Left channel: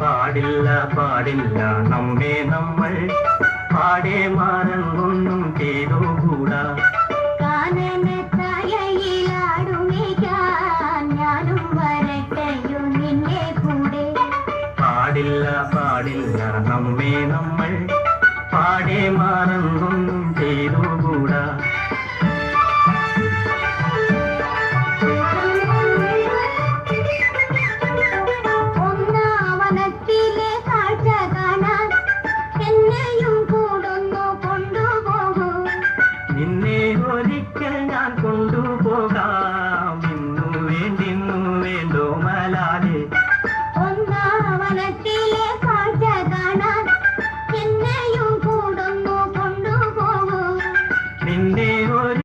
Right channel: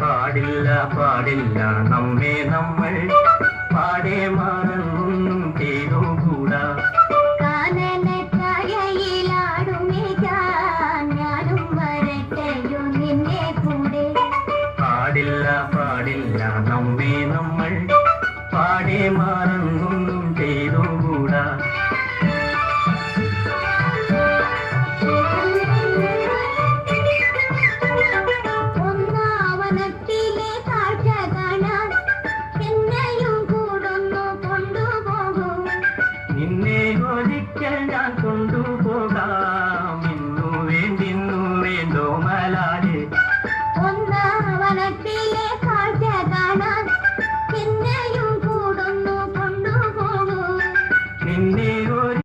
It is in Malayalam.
പാടില്ല പാടില്ല നമ്മെ നമ്മൾ പാടെ മറന്നൊന്നും ചെയ്തുകൂടാ. പാടില്ല പാടില്ല നമ്മെ നമ്മൾ പാടെ മറന്നൊന്നും ചെയ്തുകൂടാ. നിന്നെ ഒരിക്കൽ ഞാൻ കൊണ്ടുപോകാം.